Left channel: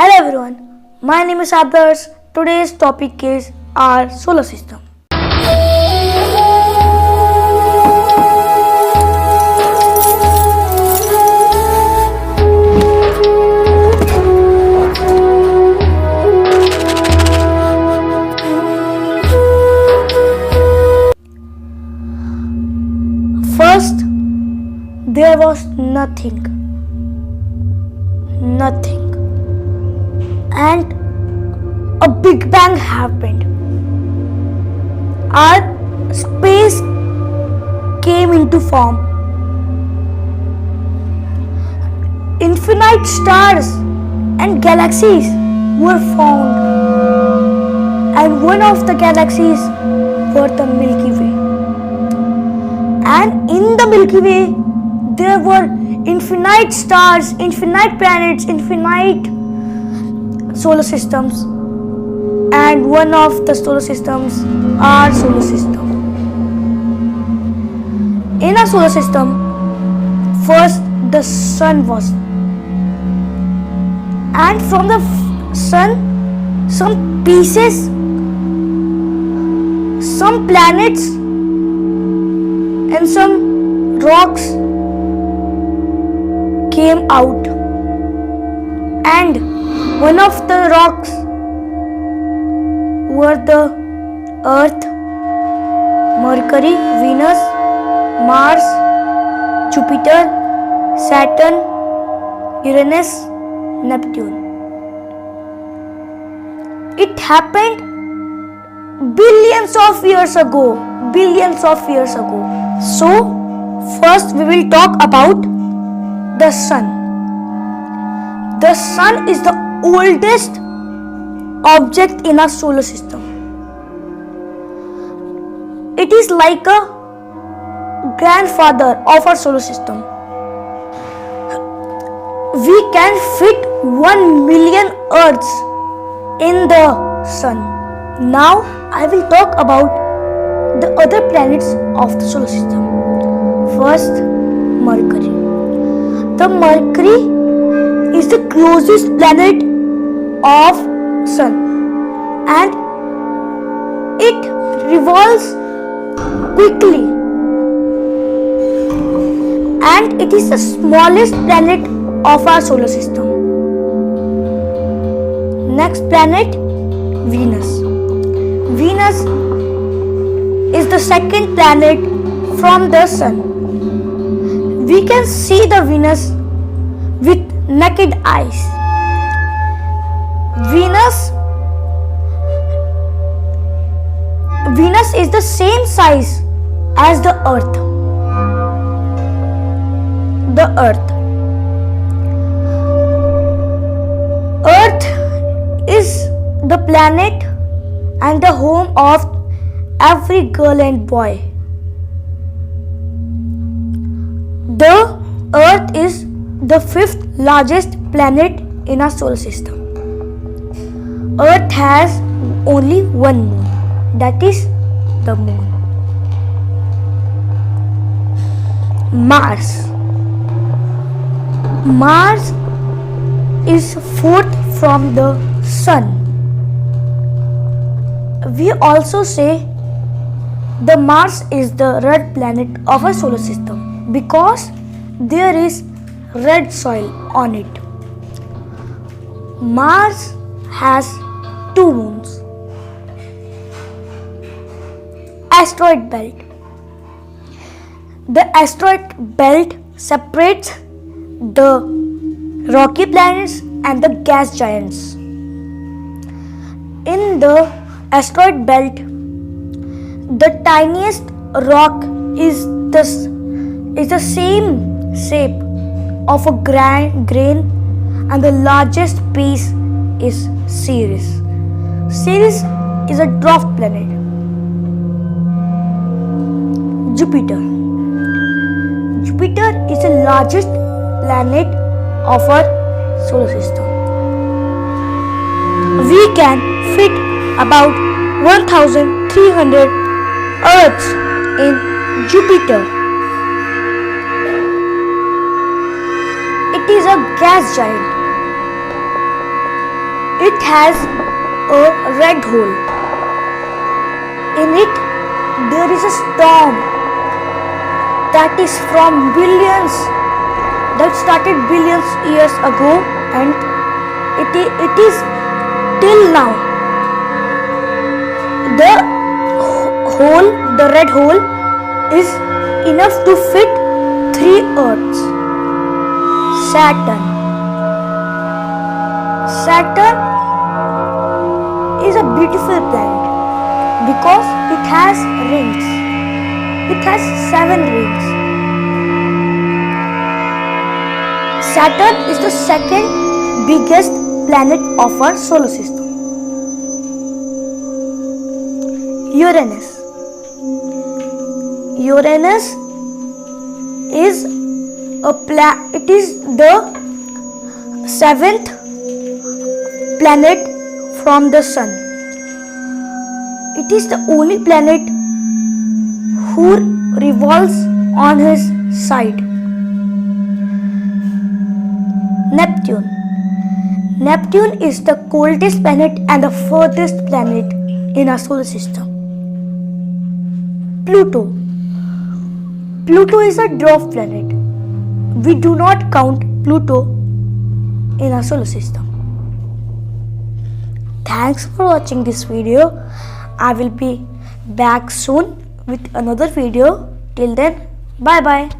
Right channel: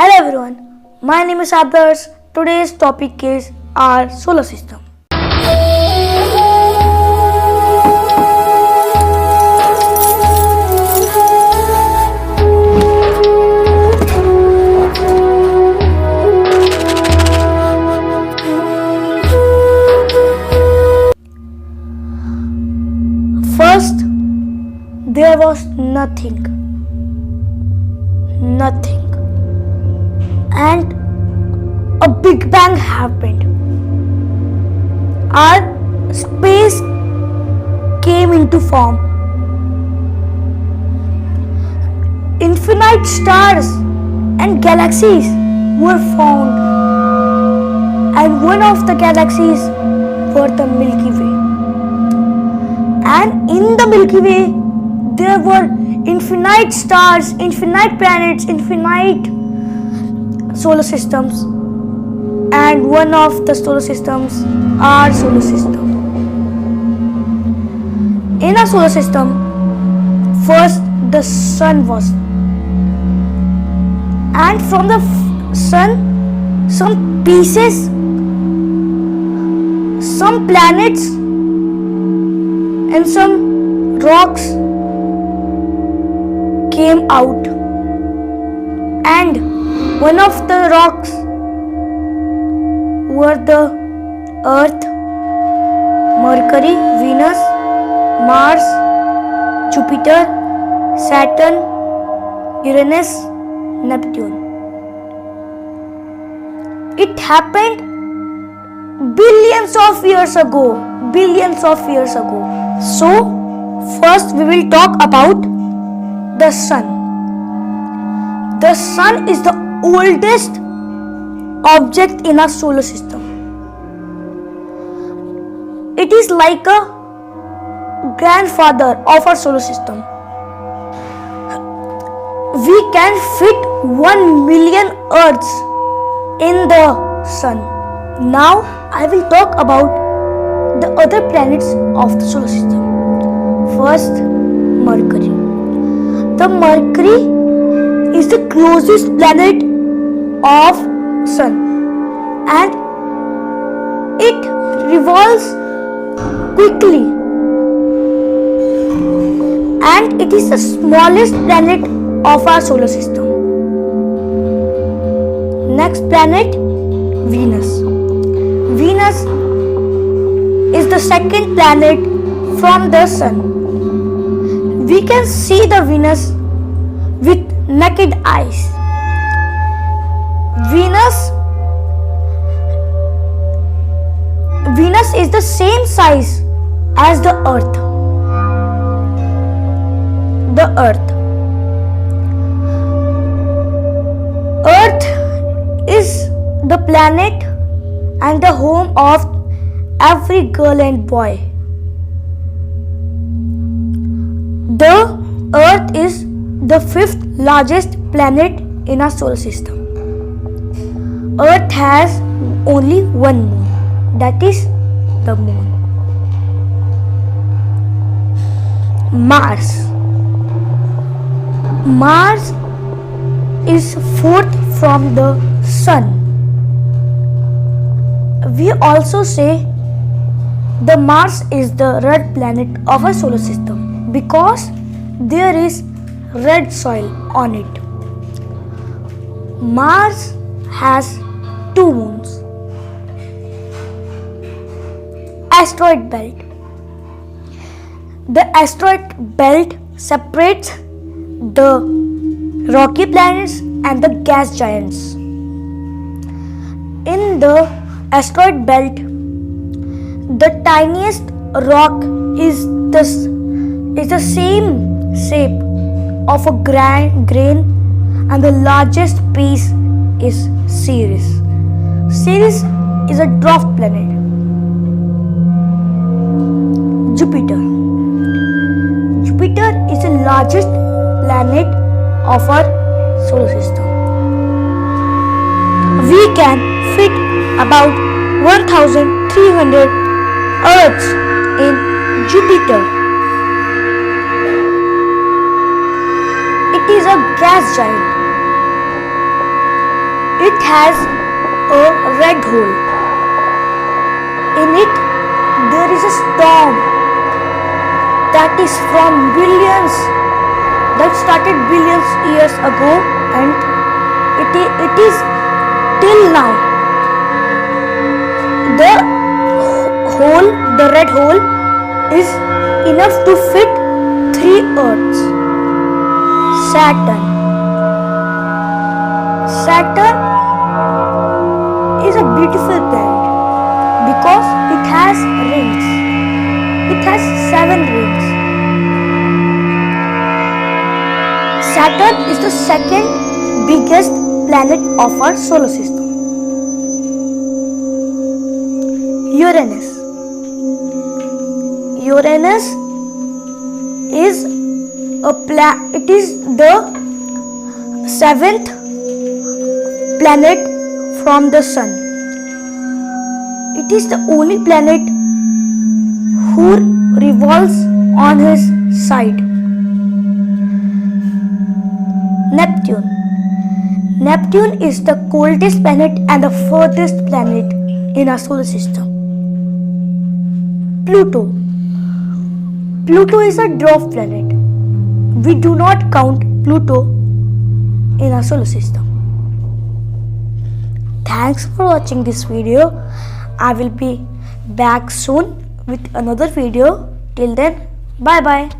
Hello everyone, my name is Adarsh. Today's topic is our solar system. First, there was nothing. And a big bang happened. Our space came into form. Infinite stars and galaxies were found, and one of the galaxies were the Milky Way. And in the Milky Way, there were infinite stars, infinite planets, infinite solar systems, and one of the solar systems, our solar system. In our solar system, first the sun was, and from the sun, some pieces, some planets, and some rocks came out, and one of the rocks were the Earth, Mercury, Venus, Mars, Jupiter, Saturn, Uranus, Neptune. It happened billions of years ago. So, first we will talk about the sun. The sun is the oldest object in our solar system. It is like a grandfather of our solar system. We can fit 1 million Earths in the sun. Now I will talk about the other planets of the solar system. First, Mercury. The Mercury is the closest planet of Sun, and it revolves quickly, and it is the smallest planet of our solar system. Next planet, Venus. Venus is the second planet from the Sun. We can see the Venus with naked eyes. Venus is the same size as the Earth. Earth is the planet and the home of every girl and boy. The Earth is the 5th largest planet in our solar system. Earth has only one moon, that is the moon. Mars. Mars is 4th from the Sun. We also say the Mars is the red planet of our solar system because there is red soil on it. Mars has 2 moons. Asteroid belt. The asteroid belt separates the rocky planets and the gas giants. In the asteroid belt, the tiniest rock is the same shape of a grain, and the largest piece is Ceres. Ceres is a dwarf planet. Jupiter. Jupiter is the largest planet of our solar system. We can fit about 1,300 Earths in Jupiter. It is a gas giant. It has a red hole. In it, there is a storm that is from billions, that started billions years ago, and it is till now. The red hole is enough to fit 3 Earths. Saturn is a beautiful planet because it has rings. It has 7 rings. Saturn is the second biggest planet of our solar system. Uranus is it is the 7th planet from the Sun. It is the only planet who revolves on his side. Neptune is the coldest planet and the furthest planet in our solar system. Pluto is a dwarf planet. We do not count Pluto in our solar system. Thanks for watching this video. I will be back soon with another video. Till then, bye bye.